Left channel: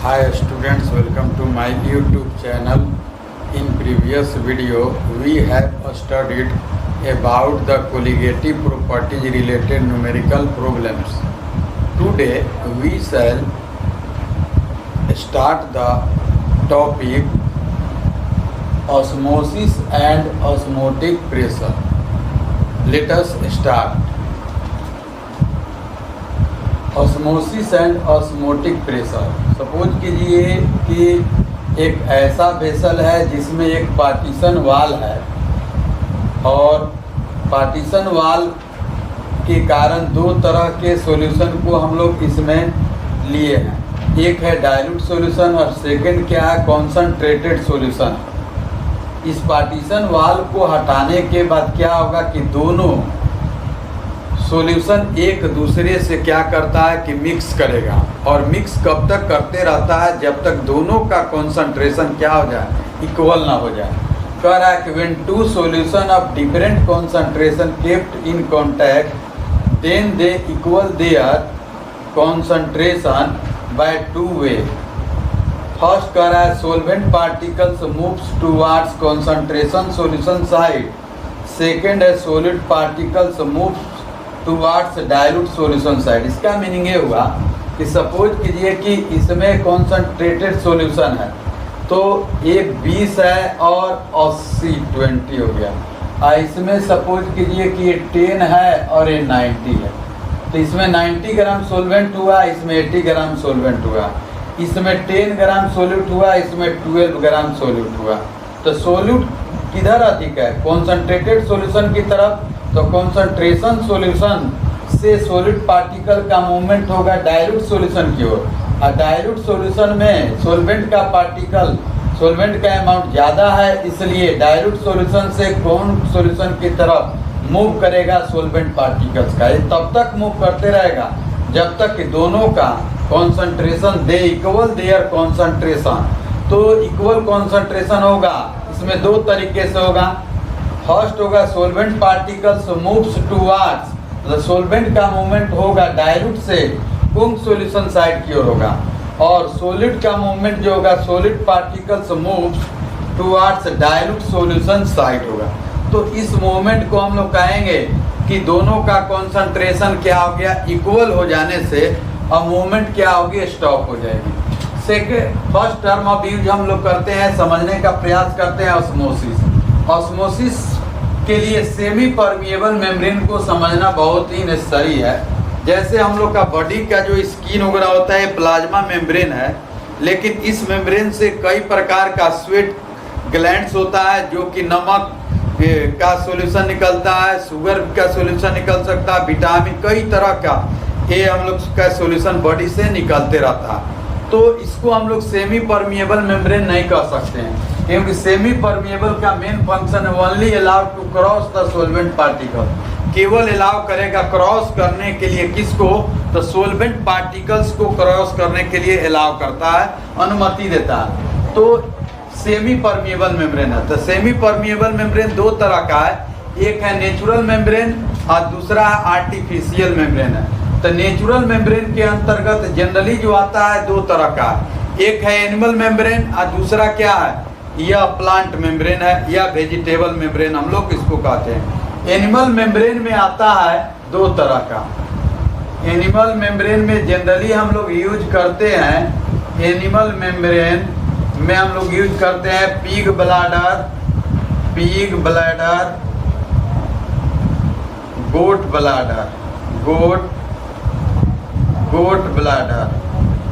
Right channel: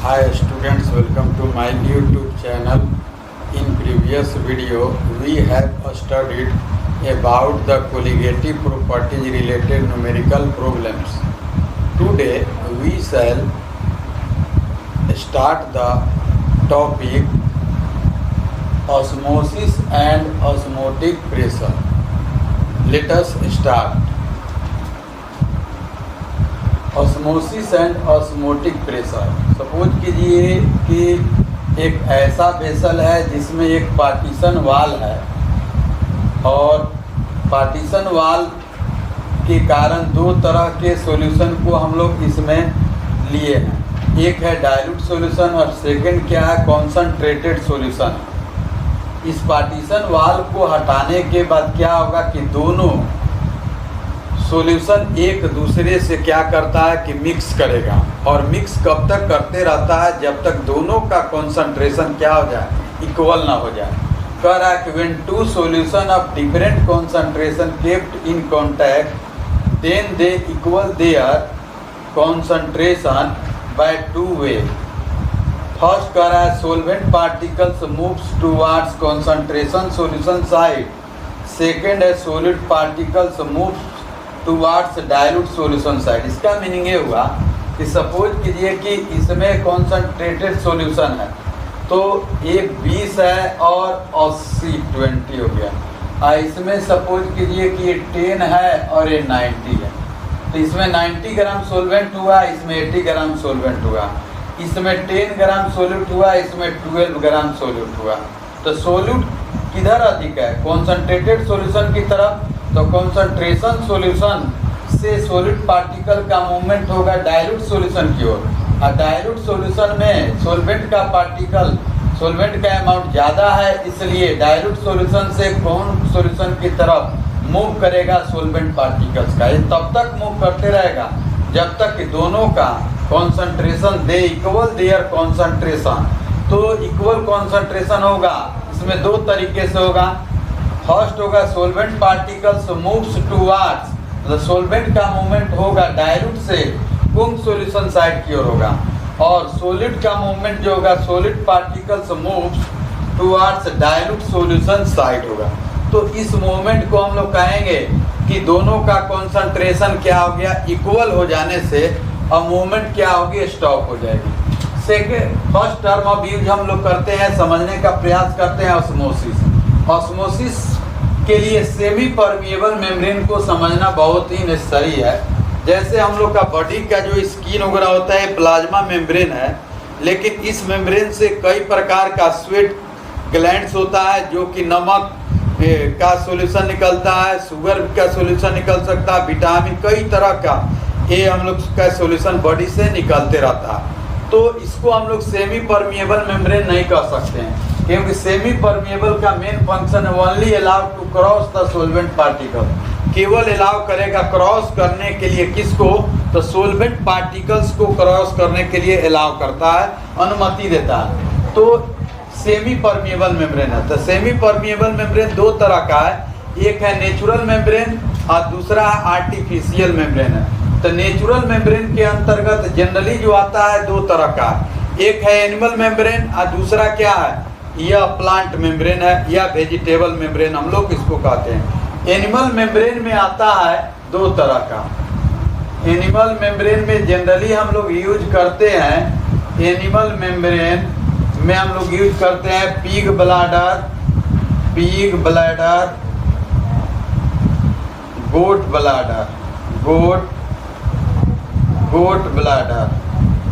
Hi students, welcome to my YouTube channel. In previous video, we have studied about the colligative properties related numerical problems. Today, we shall start the topic osmosis and osmotic pressure. Let us start. Osmosis and osmotic pressure. Suppose कीजिए कि एक ऐसा vessel है जिसमें एक partition वाल है और पार्टीशन वाल के कारण दो तरह के सॉल्यूशन को हम लोग इसमें लिए हैं। एक है डाइल्यूट सॉल्यूशन और सेकंड क्या है, कॉन्सनट्रेटेड सॉल्यूशन। इस पार्टीशन वाल को हटाने के बाद क्या होगा कि दोनों सॉल्यूशन एक दूसरे से क्या करता है कि मिक्स करेगा, और मिक्स कब तक करते रहता है जब तक दोनों का कंसंट्रेशन क्या हो जाए, इक्वल ना हो जाए। कह रहा है कि when two solution of different concentration kept in contact then they equal their concentration by two way. First कह रहा है solvent particles moves towards concentration solution side. Second है solid particles moves towards dilute solution side. इसका meaning ये हुआ कि suppose कीजिए कि इसमें कॉन्सनट्रेटेड सॉल्यूशन है तो ये 20 है और 80 20 हो गया। इसमें सपोज कीजिए कि ये 10 है और ये 90 है, तो इसमें 90 ग्राम सोल्वेंट हुआ, इसमें 80 ग्राम सोल्वेंट हुआ। इसमें 10 ग्राम सोल्यूट हुआ, इसमें 12 ग्राम सोल्यूट हुआ। तो सोल्यूट किधर अधिक है, कॉन्सनट्रेटेड सॉल्यूशन की तरफ। तो कंसंट्रेशन सॉल्यूशन से सॉलिड पार्टिकल का मूवमेंट होगा डाइल्यूट सॉल्यूशन की ओर, और डाइल्यूट सॉल्यूशन में सॉल्वेंट का पार्टिकल सॉल्वेंट का अमाउंट ज़्यादा है, इसलिए डाइल्यूट सॉल्यूशन से कौन सॉल्यूशन की तरफ मूव करेगा, सॉल्वेंट पार्टिकल्स का। ये तब तक मूव करते रहेगा जब तक कि दोनों का concentration they equal their concentration. तो इक्वल कॉन्संट्रेशन होगा, इसमें दो तरीके से होगा। फर्स्ट होगा सोल्वेंट पार्टिकल्स मूव्स टुवर्ड्स, तो सोल्वेंट का मूवमेंट होगा डाइल्यूट से कुंग सॉल्यूशन साइड की ओर होगा, और सॉलिड का मूवमेंट जो होगा solid particles moves towards dilute solution side होगा। तो इस मूवमेंट को हम लोग कहेंगे कि दोनों का कॉन्संट्रेशन क्या हो गया, इक्वल हो जाने से अब मूवमेंट क्या होगी, स्टॉप हो जाएगी। Second first term of use हम लोग करते हैं, समझने का प्रयास करते हैं ऑस्मोसिस। ऑस्मोसिस के लिए सेमी परमिएबल मेम्ब्रेन को समझना बहुत ही नेसेसरी है। जैसे हम लोग का बॉडी का जो स्किन वगैरह होता है प्लाज्मा मेम्ब्रेन है, लेकिन इस मेम्ब्रेन से कई प्रकार का स्वेट ग्लैंड्स होता है जो कि नमक का सॉल्यूशन निकलता है, शुगर का सॉल्यूशन निकल सकता है, विटामिन कई तरह का ये हम लोग का सॉल्यूशन बॉडी से निकलते रहता है। तो इसको हम लोग सेमी परमिएबल मेम्ब्रेन नहीं कह सकते हैं, क्योंकि सेमी परमिएबल का मेन फंक्शन है only allow to cross the solvent particle. केवल अलाउ करेगा क्रॉस करने के लिए किसको, तो सोल्वेंट पार्टिकल्स को क्रॉस करने के लिए अलाउ करता है, अनुमति देता है। तो सेमी परमिएबल मेम्ब्रेन है। तो सेमी परमिएबल मेम्ब्रेन दो तरह का है, एक है नेचुरल मेम्ब्रेन और दूसरा आर्टिफिशियल मेम्ब्रेन है। तो नेचुरल मेम्ब्रेन के अंतर्गत जनरली जो आता है दो तरह का, एक है एनिमल मेम्ब्रेन और दूसरा क्या है, यह प्लांट मेम्ब्रेन है या वेजिटेबल मेम्ब्रेन हम लोग इसको कहते हैं। एनिमल मेम्ब्रेन में आता है दो तरह का। एनिमल मेम्ब्रेन में जनरली हम लोग यूज करते हैं, एनिमल मेम्ब्रेन में हम लोग यूज करते हैं पिग ब्लैडर, गोट ब्लैडर।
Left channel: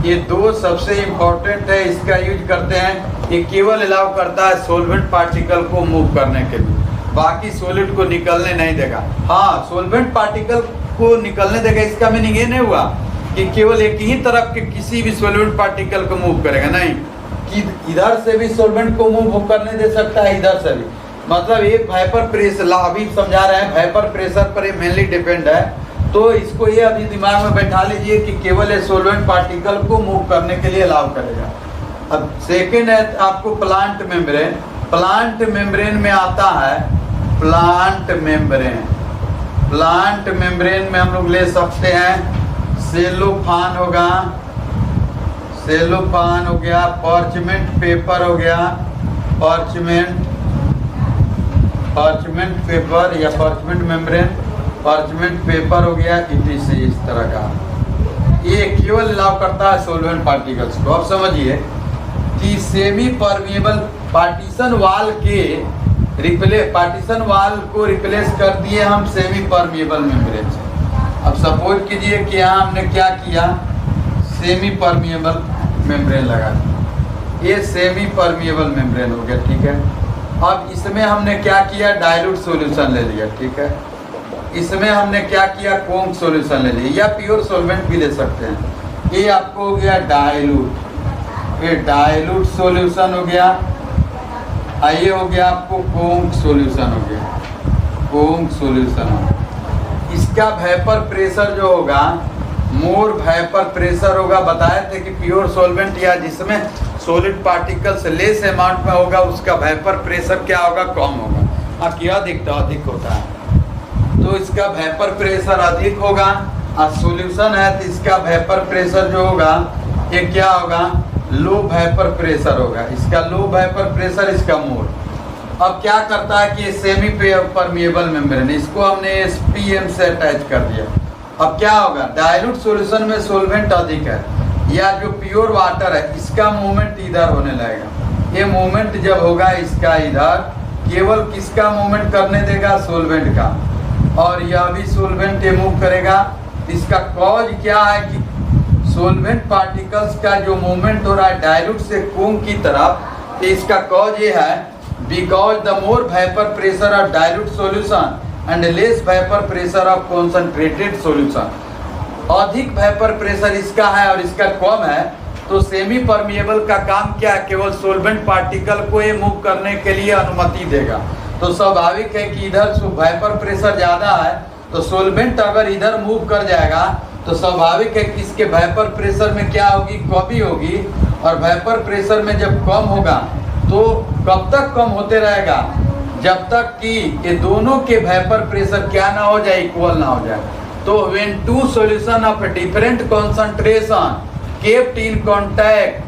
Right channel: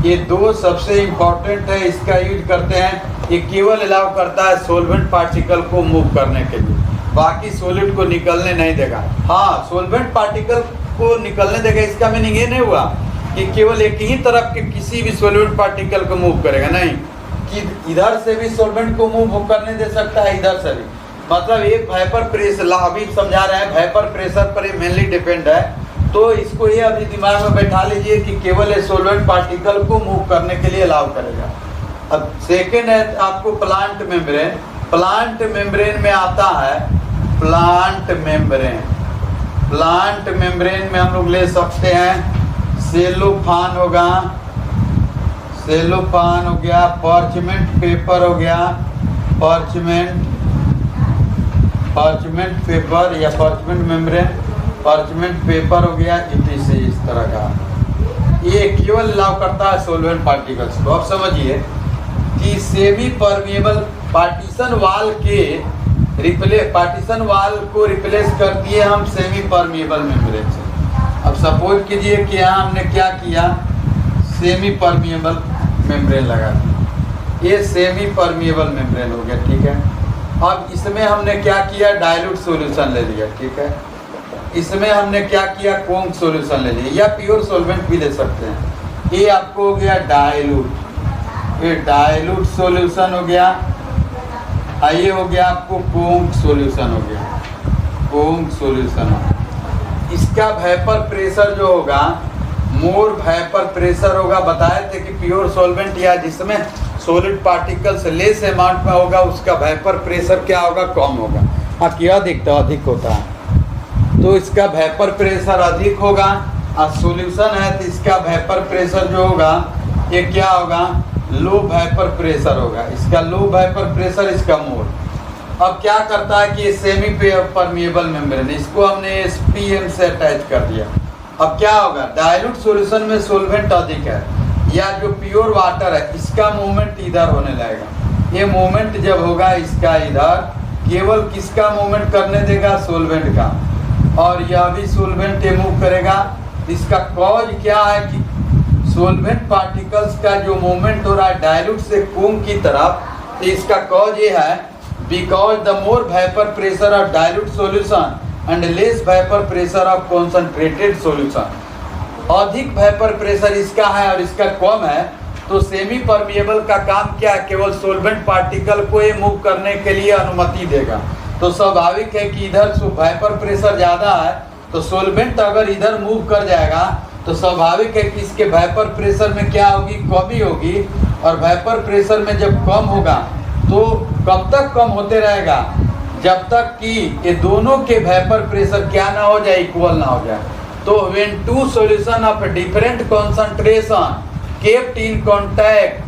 ये दो सबसे इम्पोर्टेंट है, इसका यूज करते हैं। ये केवल अलाउ करता है सोल्वेंट पार्टिकल को मूव करने के लिए, बाकी सॉलिड को निकलने नहीं देगा। हाँ, सोल्वेंट पार्टिकल को निकलने देगा, इसका मीनिंग ये नहीं हुआ कि केवल एक ही तरफ के किसी भी सोल्वेंट पार्टिकल को मूव करेगा, नहीं, कि इधर से भी सोल्वेंट को मूव करने दे सकता है, इधर से भी। मतलब एक वेपर प्रेशर, अभी समझा रहे हैं, वेपर प्रेशर पर ये मेनली डिपेंड है। तो इसको ये अभी दिमाग में बैठा लीजिए कि केवल ये सोल्वेंट पार्टिकल को मूव करने के लिए अलाउ करेगा। अब सेकेंड है आपको प्लांट मेम्ब्रेन। प्लांट मेम्ब्रेन में आता है प्लांट मेम्ब्रेन में हम लोग ले सकते हैं सेलोफान होगा, सेलोफान हो गया, पार्चमेंट पेपर हो गया, पार्चमेंट पेपर या पार्चमेंट मेम्ब्रेन, पार्चमेंट पेपर हो गया, इस तरह का। ये केवल अलाउ करता है सोल्वेंट पार्टिकल्स को। अब समझिए कि सेमी परमिएबल पार्टीशन वाल को रिप्लेस कर दिए हम सेमी परमिएबल मेम्ब्रेन से। अब सपोज कीजिए कि यहाँ हमने क्या किया, सेमी परमिएबल मेम्ब्रेन लगा दिया, ये सेमी परमिएबल मेम्ब्रेन हो गया, ठीक है। अब इसमें हमने क्या किया, डाइल्यूट सॉल्यूशन ले लिया, ठीक है। इसमें हमने क्या किया, कोंग सॉल्यूशन ले लिया, या प्योर सॉल्वेंट भी ले सकते हैं। ये आपको हो गया डाइल्यूट, ये डाइल्यूट सॉल्यूशन हो गया। ये हो गया आपको कोंग सॉल्यूशन हो गया, कोंग सॉल्यूशन हो गया। इसका वेपर प्रेशर जो होगा, मोर वेपर प्रेशर होगा। बताए थे कि प्योर सॉल्वेंट या जिसमें सॉलिड पार्टिकल्स लेस अमाउंट में होगा, उसका वेपर प्रेशर क्या होगा, कम होगा। हाँ, क्या दिखता अधिक होता है, तो इसका वेपर प्रेशर अधिक होगा। और सॉल्यूशन है तो इसका वेपर प्रेशर जो होगा ये क्या होगा, लो वेपर प्रेशर होगा। इसका लो वेपर प्रेशर, इसका मोर। अब क्या करता है कि ये सेमी परमिएबल मेम्ब्रेन, इसको हमने SPM से अटैच कर दिया। अब क्या होगा, डाइल्यूट सॉल्यूशन में सॉल्वेंट अधिक है, या जो प्योर वाटर है इसका मूवमेंट इधर होने लगेगा। ये मूवमेंट जब होगा इसका इधर, केवल किसका मूवमेंट करने देगा, सोल्वेंट का। और यह भी सोल्वेंट ये मूव करेगा। इसका कॉज क्या है कि सोल्वेंट पार्टिकल्स का जो मूवमेंट हो रहा है डाइल्यूट से कोंग की तरफ, तो इसका कॉज ये है because the more vapour pressure of dilute solution and less vapour pressure of concentrated solution. अधिक वेपर प्रेशर इसका है और इसका कम है, तो सेमी परमिएबल का काम क्या है, केवल सोल्वेंट पार्टिकल को ये मूव करने के लिए अनुमति देगा। तो स्वाभाविक है कि इधर वेपर प्रेशर ज्यादा है, तो सोल्वेंट अगर इधर मूव कर जाएगा तो स्वाभाविक है कि इसके वेपर प्रेशर में क्या होगी, कमी होगी। और वेपर प्रेशर में जब कम होगा तो कब तक कम होते रहेगा, जब तक कि ये दोनों के वेपर प्रेशर क्या ना हो जाए, इक्वल ना हो जाए। तो when two solution of different concentration kept in contact,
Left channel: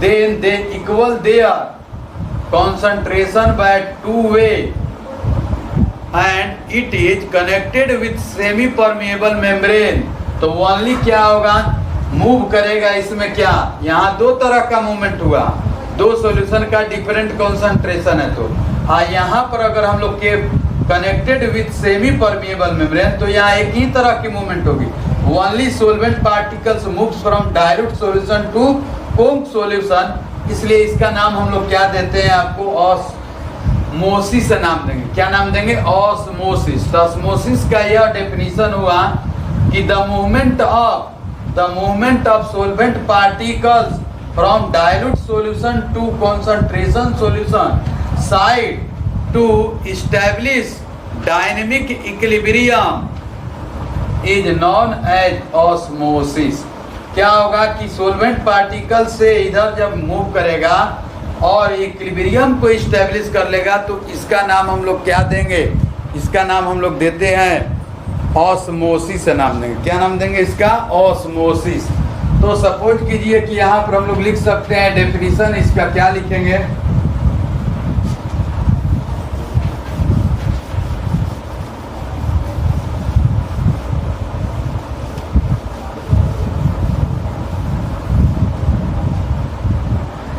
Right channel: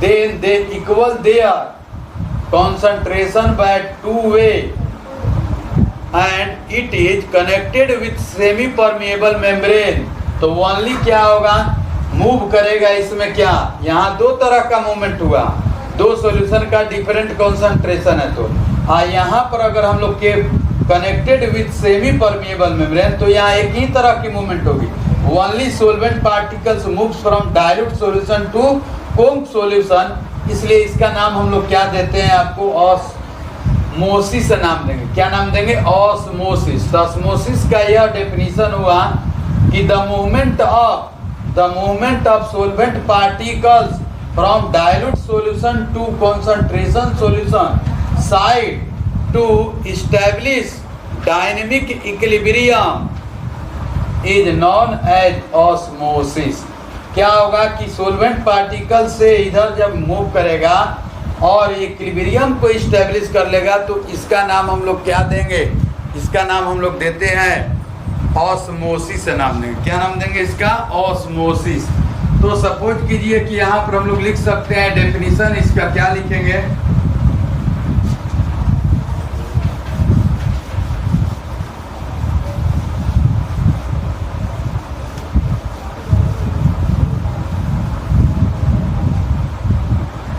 then they equal their concentration by two way, and it is connected with semi permeable membrane। तो ओनली क्या होगा, मूव करेगा इसमें क्या, यहाँ दो तरह का मूवमेंट हुआ, दो सॉल्यूशन का डिफरेंट कंसंट्रेशन है। तो यहाँ पर अगर हम लोग के connected with semi permeable membrane, तो यहाँ एक ही तरह की मूवमेंट होगी। Only solvent particles moves from dilute solution to conc solution, इसलिए इसका नाम हम लोग क्या देते हैं, आपको ऑस्मोसिस नाम देंगे। क्या नाम देंगे, ऑस्मोसिस। ऑस्मोसिस का यह डेफिनेशन हुआ कि the movement of solvent particles from dilute solution to concentration solution side to establish dynamic equilibrium is known as osmosis. क्या होगा कि सोल्वेंट पार्टिकल से इधर जब मूव करेगा और इक्विलिब्रियम को एस्टैब्लिश कर लेगा, तो इसका नाम हम लोग क्या देंगे, इसका नाम हम लोग देते हैं ऑस्मोसिस नाम देंगे। क्या नाम देंगे इसका, ऑस्मोसिस। तो सपोज कीजिए कि यहाँ पर हम लोग लिख सकते हैं डेफिनेशन, इसका क्या लिखेंगे,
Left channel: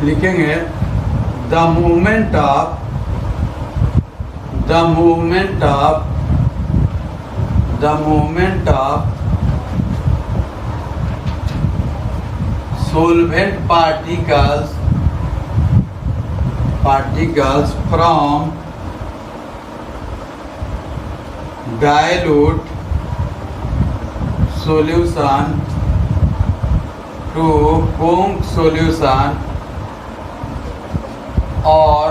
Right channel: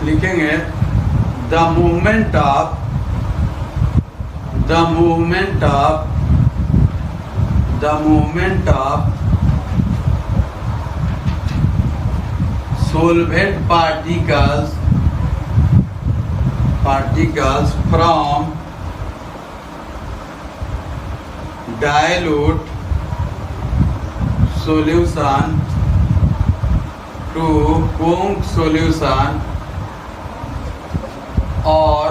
लिखेंगे the movement of solvent particles from dilute solution to Combs solution और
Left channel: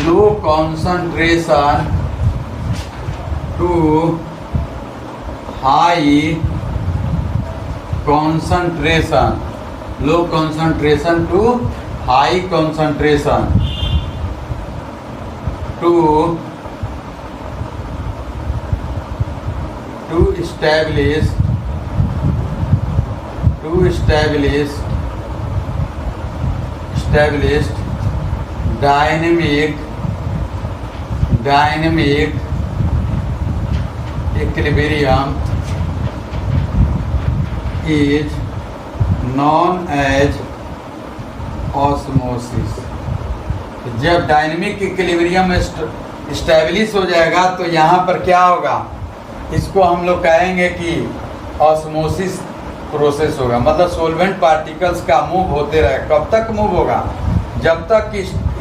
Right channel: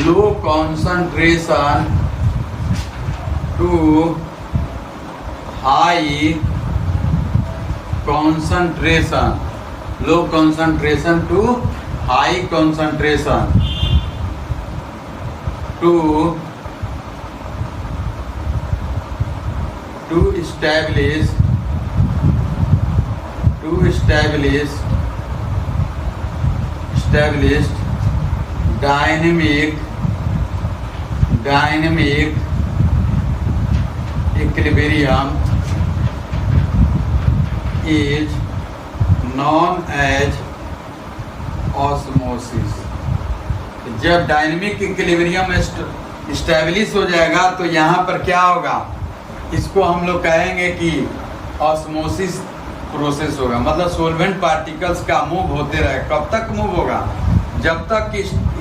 low concentration to high concentration, low concentration to high concentration to establish to establish dynamic equilibrium is known as osmosis। जब dynamic equilibrium स्टेबलिश हो जाएगा तो यहाँ पर क्या होगा, इसको हम लोग कहेंगे कि ऑस्मोसिस प्रोसेस होगा। मतलब सोलवेंट पार्टिकल्स का मूव होते रहे। कब तक मूव होगा? जब तक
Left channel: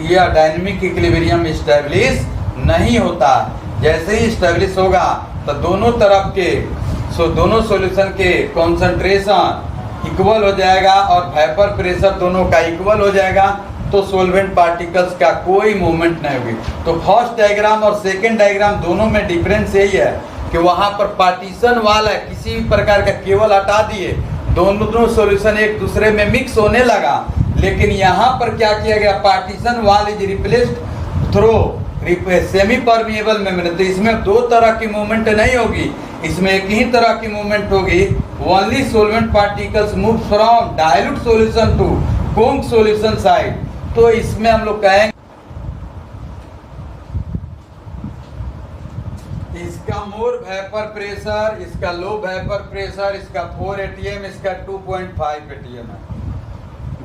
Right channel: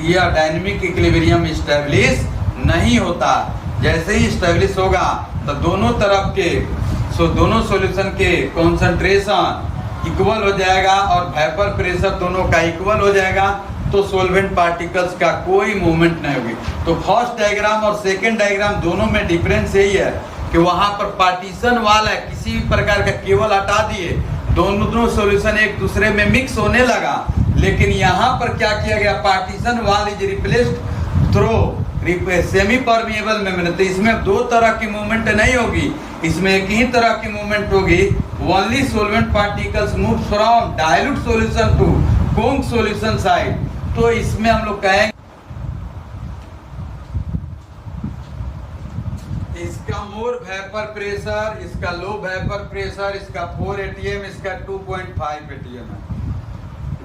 यह डायनेमिक इक्विलिब्रियम स्टेबलिश नहीं होता। जैसे ही स्टेबलिश होगा तो दोनों तरफ के दोनों सॉल्यूशन के कॉन्सेंट्रेशन इक्वल हो जाएगा और वेपर प्रेशर दोनों का इक्वल हो जाएगा, तो सोलवेंट पार्टिकल्स का कोई मूवमेंट नहीं होगी। तो फर्स्ट डायग्राम और सेकंड डायग्राम दोनों में डिफरेंस यही है कि वहां पर पार्टीशन वाल है, किसी भी प्रकार का केबल हटा दिए, दोनों सॉल्यूशन एक दूसरे में मिक्स होने लगा। लेकिन यहाँ पर क्या किया गया, पार्टीशन वाल is replaced through semi permeable membrane. तो इसमें दो तरह की मूवमेंट नहीं होगी, इसमें एक ही तरह की मूवमेंट होगी। Only solvent particles move from dilute solution to conc solution side. तो इसमें हम लोग कहेंगे इसका मोर वेपर प्रेशर, इसका लो वेपर प्रेशर, इसका 4 atm, इसका 2.5 atm है।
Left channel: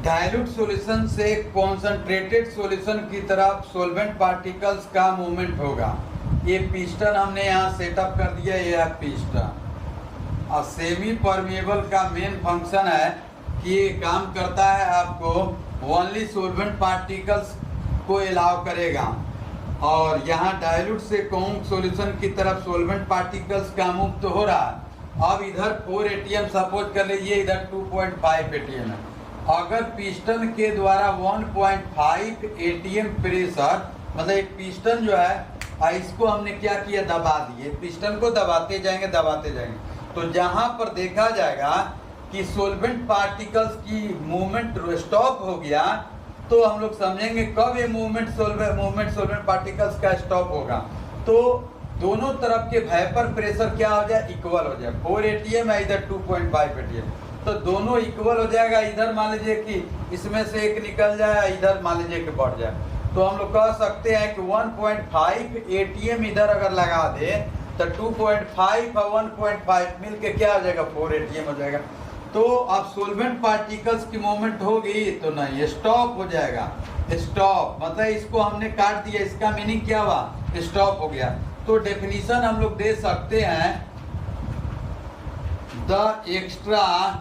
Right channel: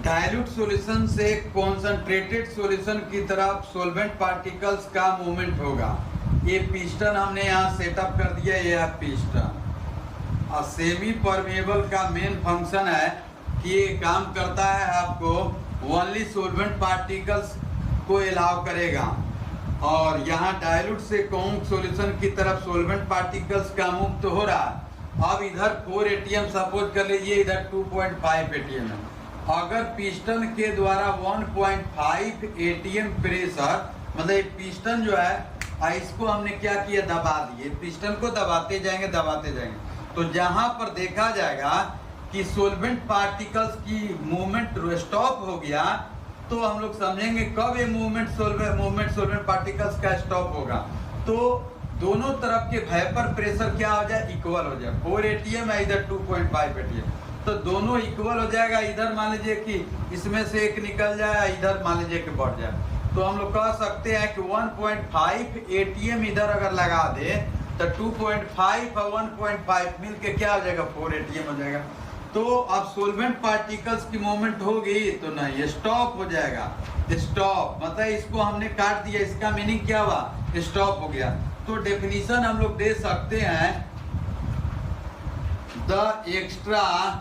डाइल्यूट सॉल्यूशन से कॉन्सेंट्रेटेड सॉल्यूशन की तरफ सोलवेंट पार्टिकल्स का मूवमेंट होगा। ये पिस्टन हमने यहाँ सेटअप कर दिया, ये है पिस्टन। और सेमी परमेबल का मेन फंक्शन है कि ये काम करता है आपको ओनली सोलवेंट पार्टिकल्स को अलाउ करेगा। और यहाँ डाइल्यूट से कोंक सॉल्यूशन की तरफ सोलवेंट पार्टिकल्स का मूव तो हो रहा है। अब इधर 4 atm सपोज कर लीजिए, इधर 2.5 atm है। अगर पिस्टन के द्वारा 1.5 atm प्रेशर, मतलब पिस्टन जो है इसको हमने क्या किया, दबा दिए। पिस्टन को दबाते जाएंगे, तो जहां पर देखा जाएगा कि सोलवेंट पार्टिकल्स की मूवमेंट स्टॉप हो गया, तो हम लोग समझेंगे कब ये मूवमेंट सोलवेंट पार्टिकल्स का स्टॉप होगा। तो दोनों तरफ के वेपर प्रेशर क्या हो जाए, इक्वल हो जाए। 4 atm है, इधर 2.5 atm, तो दोनों इक्वल हो जाएगा। इधर मान लीजिए कि इसमें से एक निकल जाए, इधर मान लीजिए कि बढ़ जाए, तो हम लोग कह सकते हैं कि 1.5 atm इधर अगर लगा दे तो 2.5 और 1.5 मिल के क्या हो जाएगा, 4 atm हो जाएगा। तो अब सोलवेंट पार्टिकल्स की मूवमेंट होगी तो नहीं, स्टॉप हो जाएगा। स्टॉप मतलब इसको हमने काट दिया, इसका मीनिंग क्या हुआ, स्टॉप हो गया। तो डेफिनेशन हम लोग दे सकते हैं, the extra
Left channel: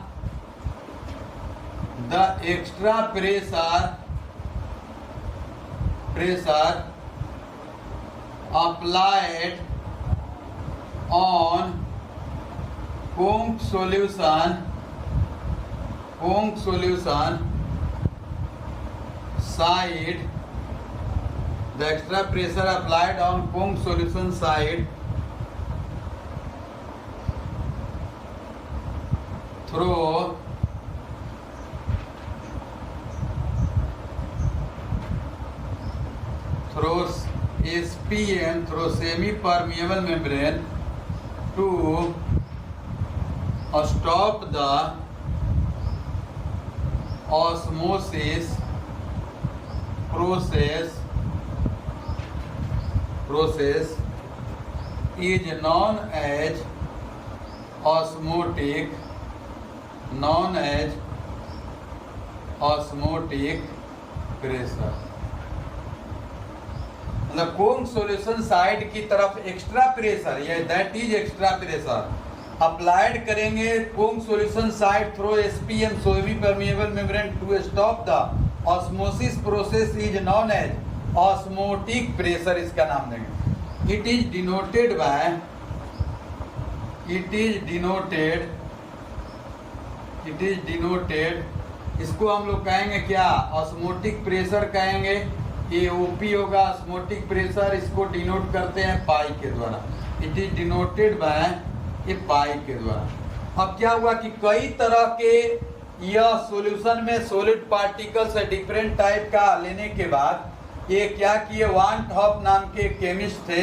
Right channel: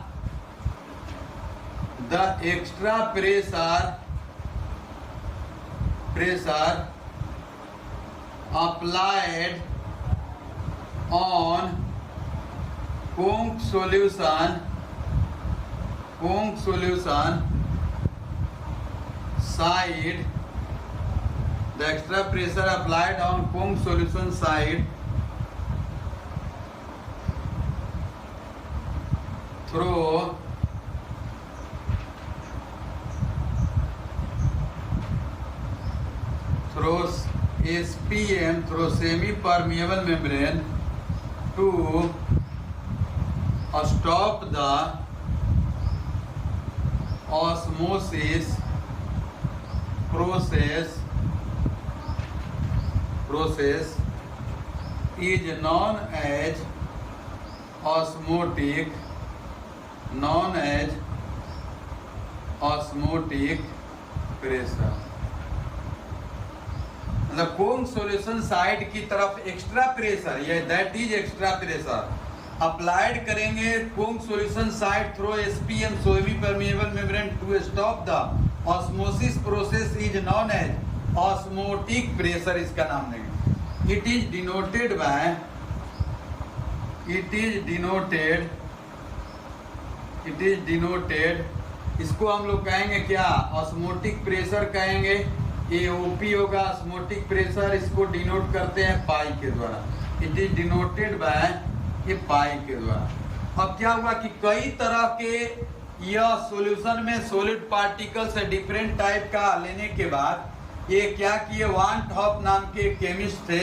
pressure applied on Combs solution side, the extra pressure applied on Combs solution side through SPM, through semi-permeable membrane, to stop the osmosis process is known as osmotic pressure। मतलब कोंक solution side की तरफ extra pressure, ये that is extra pressure applied करेंगे conc solution side through SPM semi permeable membrane to stop the osmosis process is known as osmotic pressure, इसका नाम देंगे। It is denoted, इसको हम लोग कहेंगे क्या, ऑस्मोटिक प्रेशर कहेंगे। ये ओपी होगा ऑस्मोटिक प्रेशर, इसको डिनोट करते हैं पाई के द्वारा। इट इज डिनोटेड बाय ये पाई के द्वारा। अब क्या हुआ कि कई तरह के यह सॉल्यूशन में सॉलिड पार्टिकल्स डिफरेंट टाइप का लेने के बाद ये क्या किए, वान टॉप नाम के केमिस्ट थे,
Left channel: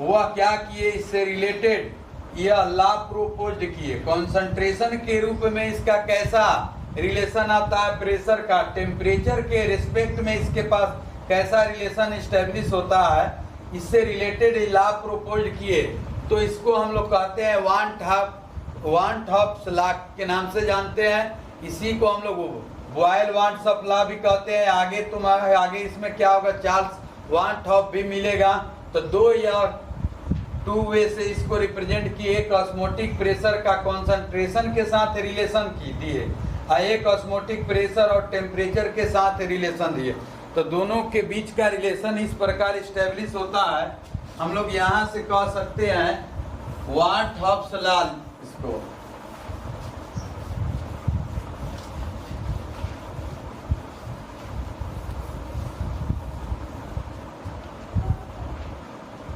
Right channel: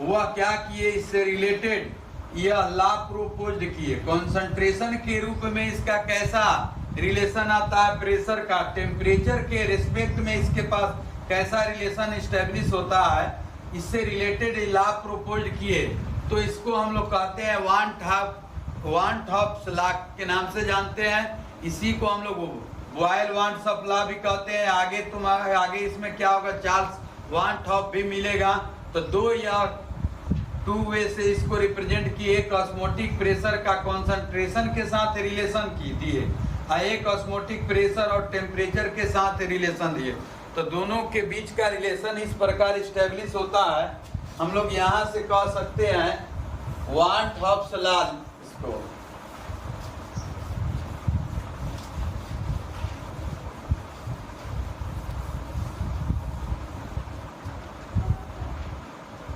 वह क्या किए, इससे रिलेटेड यह लॉ प्रोपोज्ड किए। कॉन्सेंट्रेशन के रूप में इसका कैसा रिलेशन आता है प्रेशर का, टेम्परेचर के रिस्पेक्ट में इसके पास कैसा रिलेशन एस्टेब्लिश होता है, इससे रिलेटेड लॉ प्रोपोज्ड किए। तो इसको हम लोग कहते हैं वान हॉप्स लॉ के नाम से जानते हैं। इसी को हम लोग बॉयल वान हॉप्स लॉ भी कहते हैं। आगे इसमें क्या होगा, चार्ल्स वान हॉप भी मिलेगा। तो दो या टू वे से इसको रिप्रेजेंट किए। एक ऑस्मोटिक प्रेशर का कॉन्सेंट्रेशन के साथ रिलेशन दिए, एक ऑस्मोटिक प्रेशर और टेम्परेचर के साथ रिलेशन दिए। तो दोनों के बीच का रिलेशन इस प्रकार इस्टेब्लिश होता है। हम लोग यहाँ से कह सकते हैं वान हॉप्स लॉ इसको।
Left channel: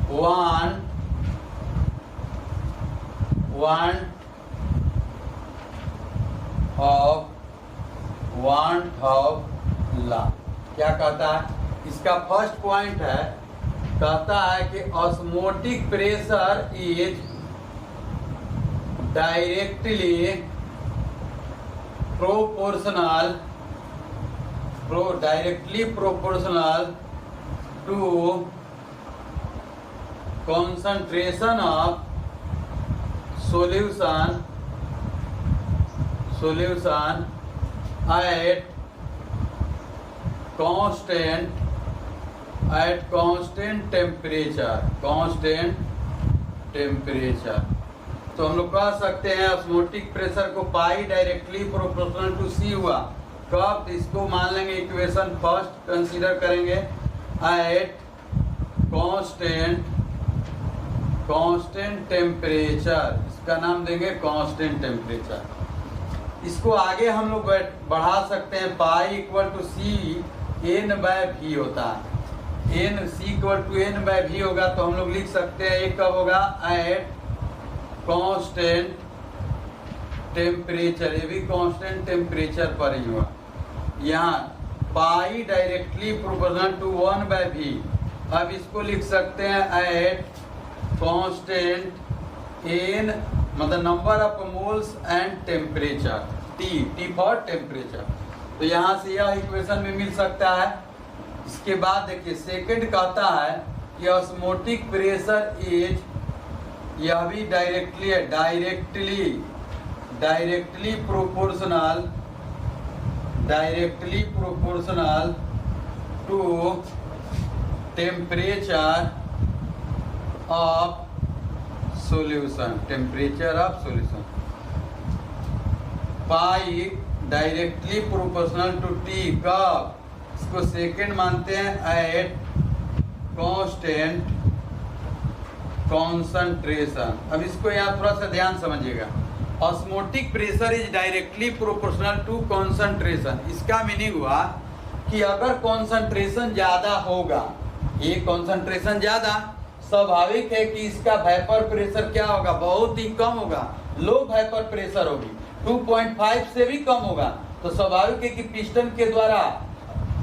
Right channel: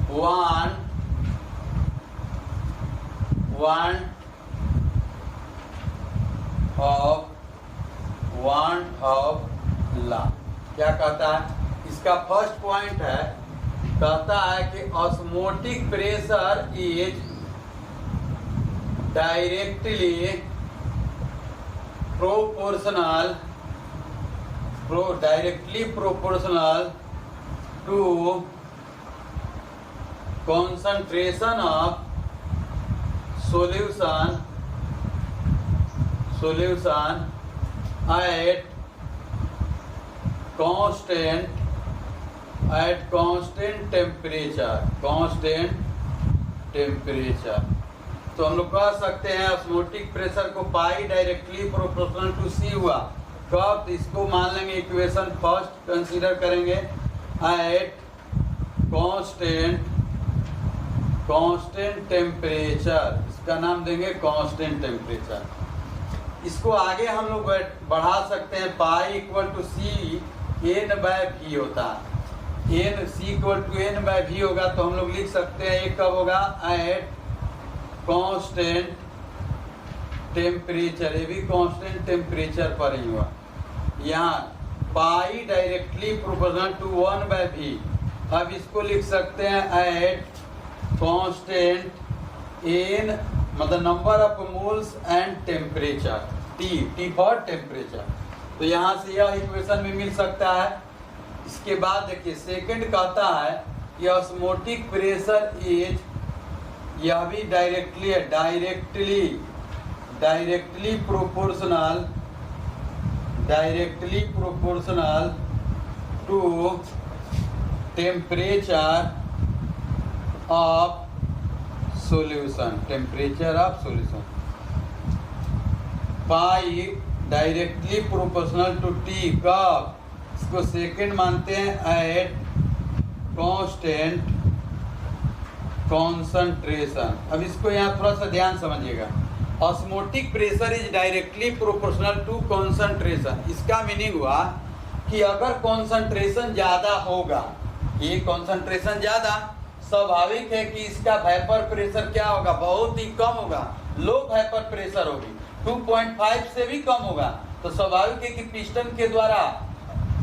वान हॉप लॉ क्या कहता है, इसका फर्स्ट पॉइंट है, कहता है कि osmotic pressure is directly proportional to concentration of solution at constant temperature। तो हम लोग कह सकते हैं ऑस्मोटिक प्रेशर को पाई डायरेक्टली प्रोपोर्शनल टू सी हुआ कब, इसको मान लेंगे इक्वेशन फर्स्ट कंसीडर करेंगे, एट कांस्टेंट टेम्परेचर, इसका नाम देंगे कांस्टेंट टेम्परेचर। इसको आगे हम लोग बढ़ा सकते हैं, pi equal to C N by V होता है, N C equal to N by V होगा। तो हम लोग लिख सकते हैं एक कब होगा, एट कांस्टेंट टेम्परेचर, ये भी कांस्टेंट टेम्परेचर पर ही हुआ। यहाँ पाई डायरेक्टली प्रोपोर्शनल टू 1/v। अब इसको लिख सकते हैं एट कांस्टेंट एन, मतलब number of moles and temperature, T for temperature. तो यहाँ से यह इक्वेशन में मिल सकता है। इसके बाद देखिए सेकंड कहता है कि ऑस्मोटिक प्रेशर इज, यह भी डायरेक्टली है, directly proportional to temperature of solution, pi directly proportional to T कब, इसको सेकंड मानते हैं एट कांस्टेंट कॉन्सेंट्रेशन। अब इसको यहाँ थोड़ा सा ध्यान समझिएगा, osmotic pressure is directly proportional to concentration. इसका मीनिंग हुआ कि अगर कॉन्सेंट्रेशन ज्यादा होगा, ये कॉन्सेंट्रेशन ज्यादा, स्वाभाविक है कि इसका वेपर प्रेशर क्या होगा, बहुत ही कम होगा, लो वेपर प्रेशर होगी, 2.5 से भी कम होगा। तो स्वाभाविक है कि पिस्टन के द्वारा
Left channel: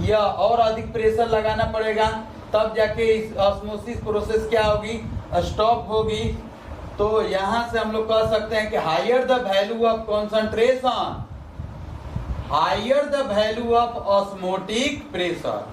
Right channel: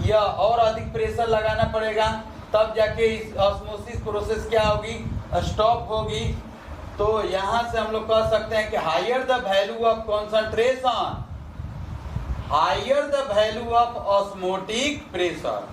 यह और अधिक प्रेशर लगाना पड़ेगा, तब जाके इस ऑस्मोसिस प्रोसेस क्या होगी, स्टॉप होगी। तो यहां से हम लोग कह सकते हैं कि higher the value of concentration, higher the value of osmotic pressure.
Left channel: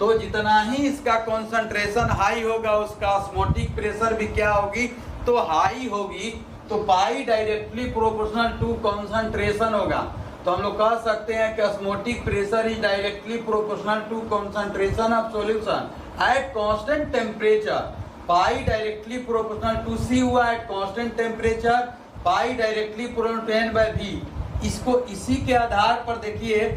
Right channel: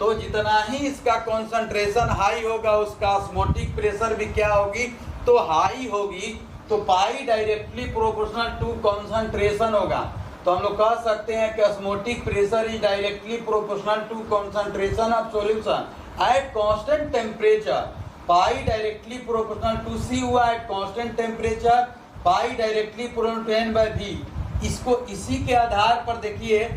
तो जितना ही इसका कॉन्सेंट्रेशन हाई होगा, उसका ऑस्मोटिक प्रेशर भी क्या होगी, तो हाई होगी। तो pi directly proportional to concentration होगा। तो हम लोग कह सकते हैं कि osmotic pressure is directly proportional to concentration of solution at constant temperature, pi directly proportional to C हुआ at constant temperature, pi directly proportional to N by V. इसको इसी के आधार पर देखिए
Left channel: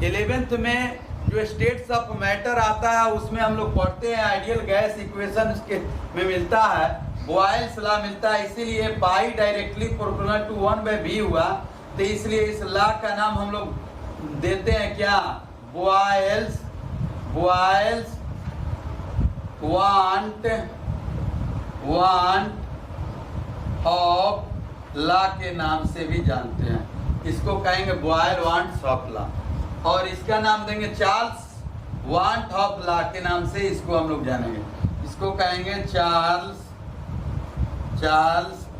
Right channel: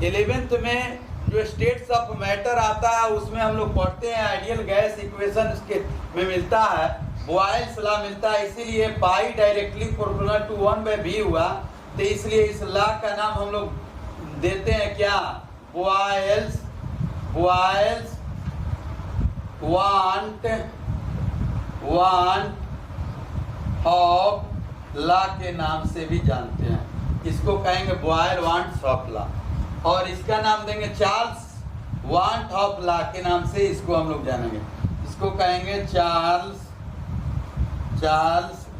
11th में जो स्टेट्स ऑफ मैटर आता है उसमें हम लोग पढ़ते हैं आइडियल गैस इक्वेशन के में मिलता है, बॉयल्स लॉ मिलता है। इसीलिए पाई डायरेक्टली प्रोपोर्शनल टू 1/v हुआ। तो इसलिए इस लॉ का नाम हम लोग देते हैं क्या, बॉयल्स वांट हॉप लॉ के नाम से भी जानते हैं। इसको कहेंगे बॉयल वांट हॉप लॉ, और इसका नाम देंगे चार्ल्स वांट हॉप लॉ के नाम से इसको हम लोग जानेंगे। इसको कहेंगे चार्ल्स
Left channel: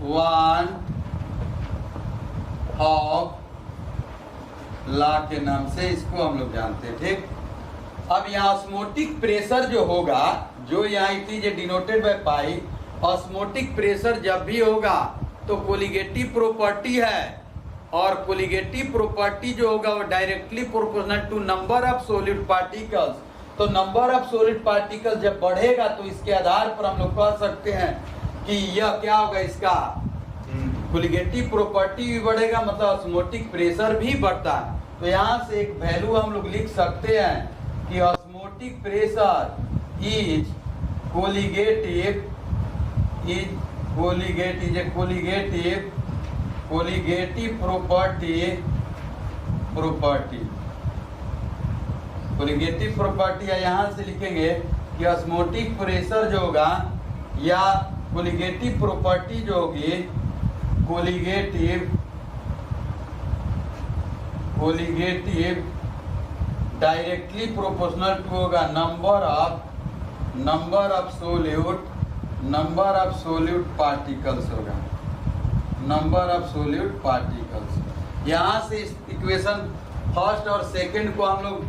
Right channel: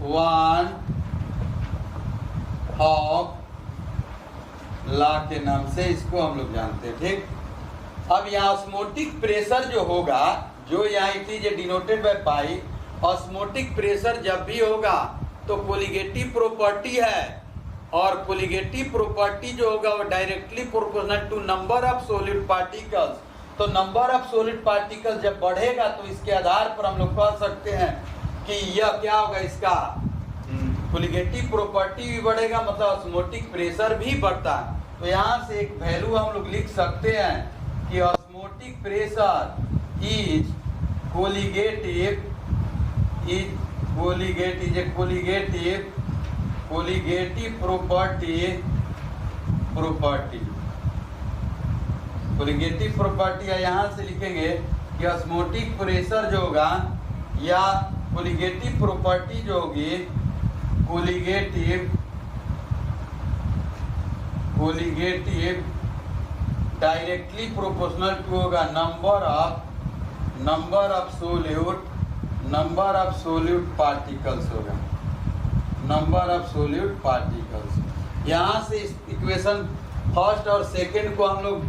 वान हॉफ लॉ के नाम से इसको हम लोग जानते हैं। ठीक, अब यहाँ ऑस्मोटिक प्रेशर जो होगा, जो यहाँ it is denoted by pi, osmotic pressure जब भी होगा तो कोलिगेटिव प्रॉपर्टी है, और कोलिगेटिव प्रॉपर्टी जो होगा वो directly proportional to number of solid particles. तो नंबर ऑफ सॉलिड पार्टिकल जब बढ़ेगा तो इसके आधार पर हम लोग कह सकते हैं कि यह क्या होगा, इसका कोलिगेटिव प्रॉपर्टी भी बढ़ेगा, मतलब ऑस्मोटिक प्रेशर भी बढ़ता है। तो यहाँ से एक वैल्यू हम लोग लिख सकते हैं कि osmotic pressure is colligative property है। यहाँ से लिखेंगे कि ऑस्मोटिक प्रेशर जो होगा या कोलिगेटिव प्रॉपर्टी जो होगी, कोलिगेटिव डायरेक्टली प्रोपोर्शनल टू होगा नंबर ऑफ सोल्यूट पार्टिकल्स होगा, नंबर ऑफ सोल्यूट पार्टिकल्स। यहाँ से इस इक्वेशन फर्स्ट और सेकंड को हम लोग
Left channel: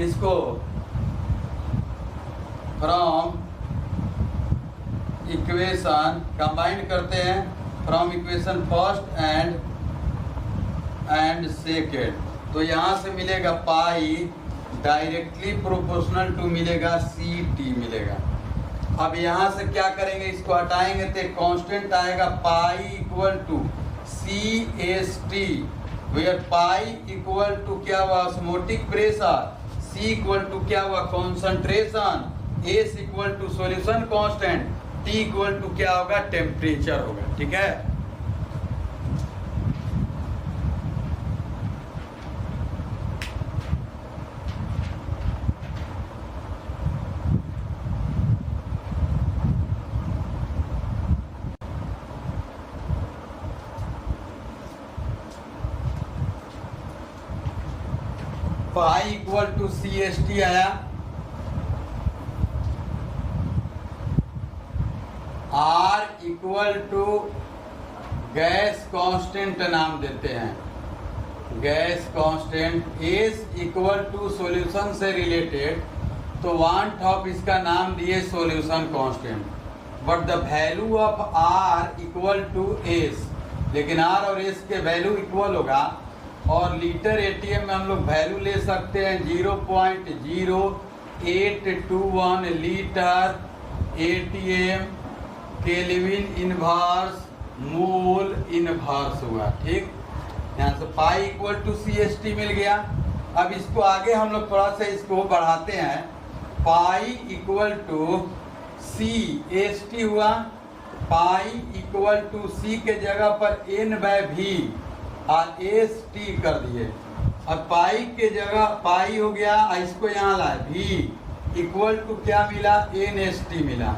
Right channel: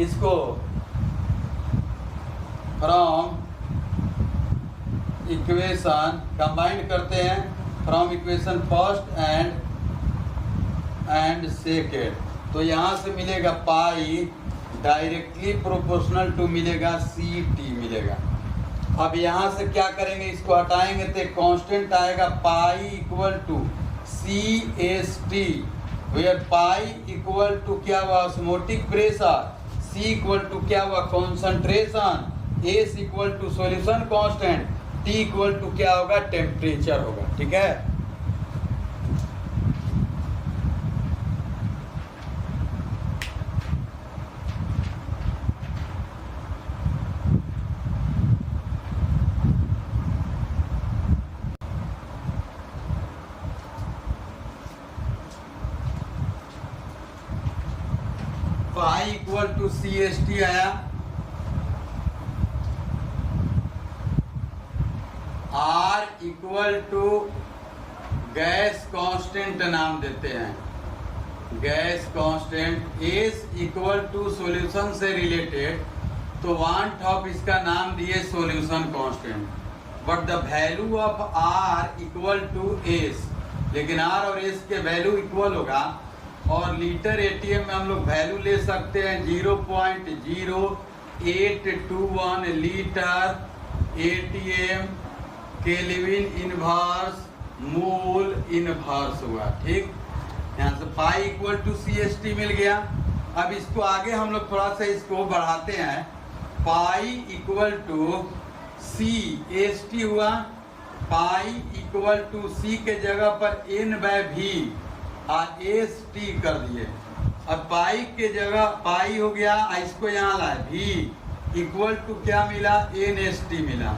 इसको फ्रॉम इक्वेशन कंबाइन करते हैं, from equation first and second. तो यहाँ से मिलेगा पाई डायरेक्टली प्रोपोर्शनल टू मिलेगा सी टी मिलेगा। अब यहाँ से क्या करेंगे, इसको हटाएंगे तो कांस्टेंट आएगा pi equal to C S T, where pi equal to क्या हुआ, osmotic pressure, C equal to क्या हुआ, concentration, S equal to solution constant, T equal to क्या होगा, टेम्परेचर होगा। ठीक है, pi equal to C S T आया, R equal to gas constant नाम देते हैं, gas constant, S equal to solution से रिलेटेड, तो वांट ऑफ इसका नाम दिए solution constant, but the value of R equal to S, लेकिन आर और एस के वैल्यू इक्वल होगा। और लीटर एटीएम में हम लोग वैल्यू ले सकते हैं 0.0821 litre ATM kelvin inverse mole inverse हुआ। ठीक, यहाँ से pi equal to C S T मिल गया। अब इसको आगे हम लोग थोड़ा सा इसको बढ़ाते हैं, pi equal to C S T हुआ, पाई इक्वल टू सी के जगह पर एन बाय भी और एस टी कर दिए। अब पाई के जगह पाई हो गया, इसको यहाँ लाए, भी इक्वल टू क्या मिला, एन एस टी मिला,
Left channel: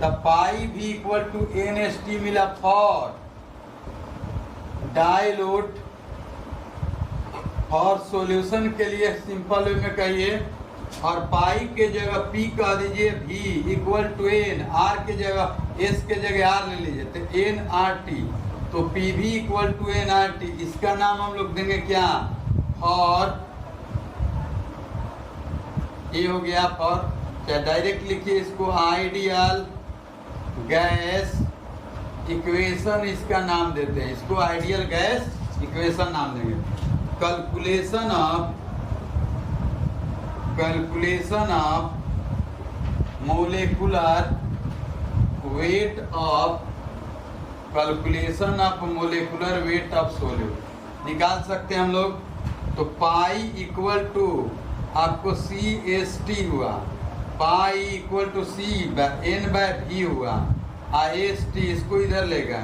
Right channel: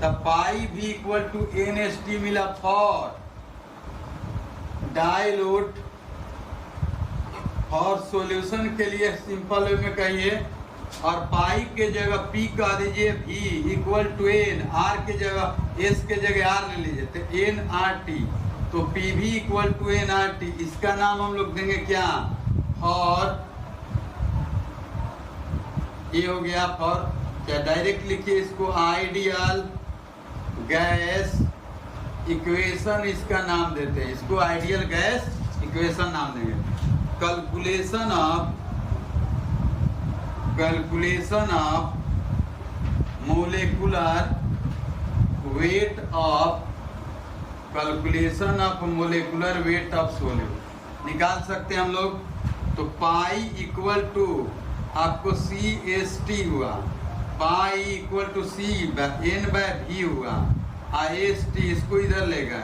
तब pi V equal to N S T मिला फॉर डाइल्यूट। और सॉल्यूशन के लिए सिंपल वे में कहिए, और पाई के जगह पी कह दीजिए, भी इक्वल टू एन, आर के जगह एस के जगह आर ले लीजिए, तो एन आर टी, तो P V equal to N R T. इसका नाम हम लोग देंगे क्या, फॉर, ये हो गया फॉर, क्या डायरेक्ट लिखिए इसको, आइडियल गैस इक्वेशन इसका नाम देते हैं, इसको आइडियल गैस इक्वेशन नाम देंगे। Calculation of molecular weight of, calculation of molecular weight of solute निकाल सकते हैं हम लोग। तो पाई इक्वल टू आपको सी एस टी हुआ, pi equal to C N by V हुआ, और एस टी इसको इधर ले गए,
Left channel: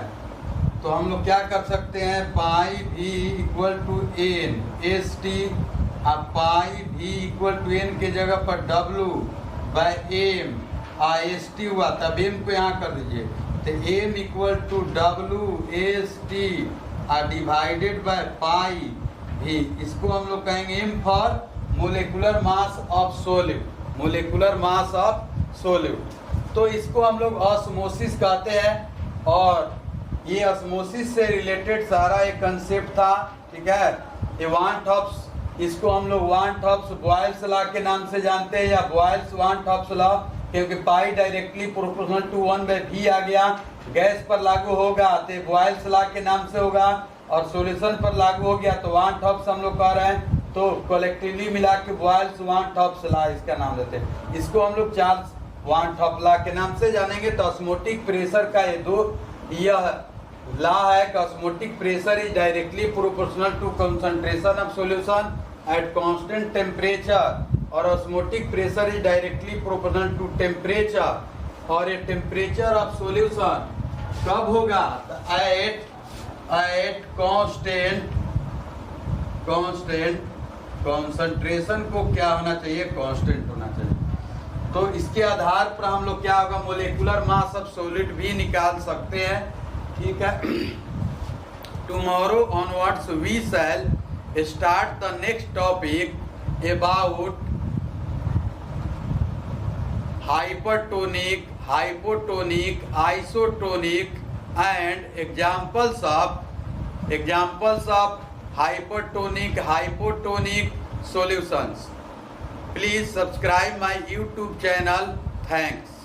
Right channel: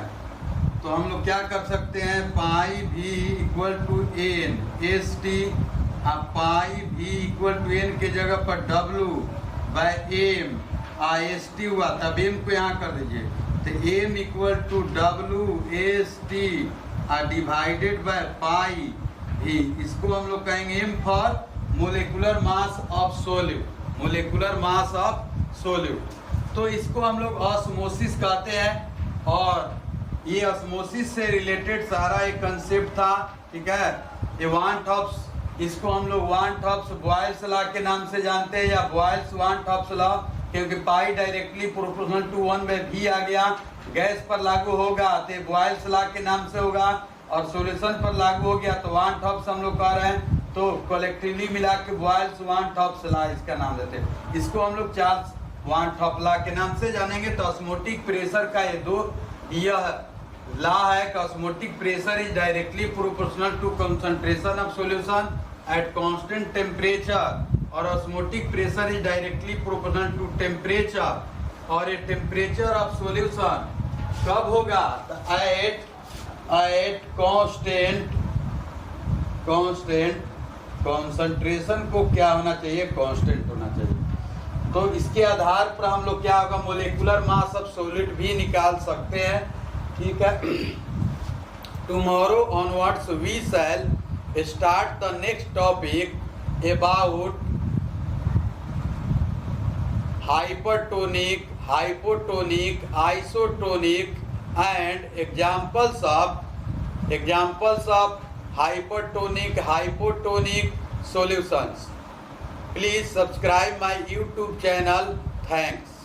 तो हम लोग क्या कर सकते हैं, pi V equal to N S T, और pi V equal to N के जगह पर डब्लू बाय एम, और एस टी हुआ, तब एम को यहाँ कर दीजिए, तो M equal to W S T divided by pi V, इसको हम लोग कहेंगे M for molecular mass of solute, molecular mass of solute. तो इसको हम लोग ऑस्मोसिस कहते हैं, और ये ऑस्मोसिस से रिलेटेड सारा एक कंसेप्ट था, ठीक है। ये वान थॉप्स, इसको हम लोग वान थॉप्स बॉयल्स लॉ के नाम से जानते हैं, या बॉयल्स वान थॉप्स लॉ, क्योंकि पाई डायरेक्टली प्रोपोर्शनल टू 1/v आ गया, गैस पर लागू होगा तो बॉयल्स लॉ के नाम से होगा, और सॉल्यूशन पर लागू हो गया तो वान थॉप्स हम लोग कह रहे हैं, तो कलेक्टिवली मिला के बॉयल्स वान थॉप्स लॉ इसका नाम देते हैं। इसको हम लोग चार्ल्स वान थॉप लॉ के नाम से जानेंगे। तो ऑस्मोटिक प्रेशर का ये दो यह लॉ है कि osmotic pressure is directly proportional to concentration of solution at constant temperature, और osmotic pressure is directly proportional to temperature, और ये टेम्परेचर ऑफ सॉल्यूशन कब होगा, एट कांस्टेंट कॉन्सेंट्रेशन को क्या होना चाहिए, कांस्टेंट होना चाहिए। तो इसके आधार पर हम लोग क्या होगा, मोलिकुलर मास ऑफ सॉलिड भी निकाल सकते हैं, ठीक है। Tomorrow onwards we shall start the next topic about hypertonic, hypotonic, isotonic and examples of hypertonic, hypotonic solutions. Please subscribe my YouTube channel. Thanks.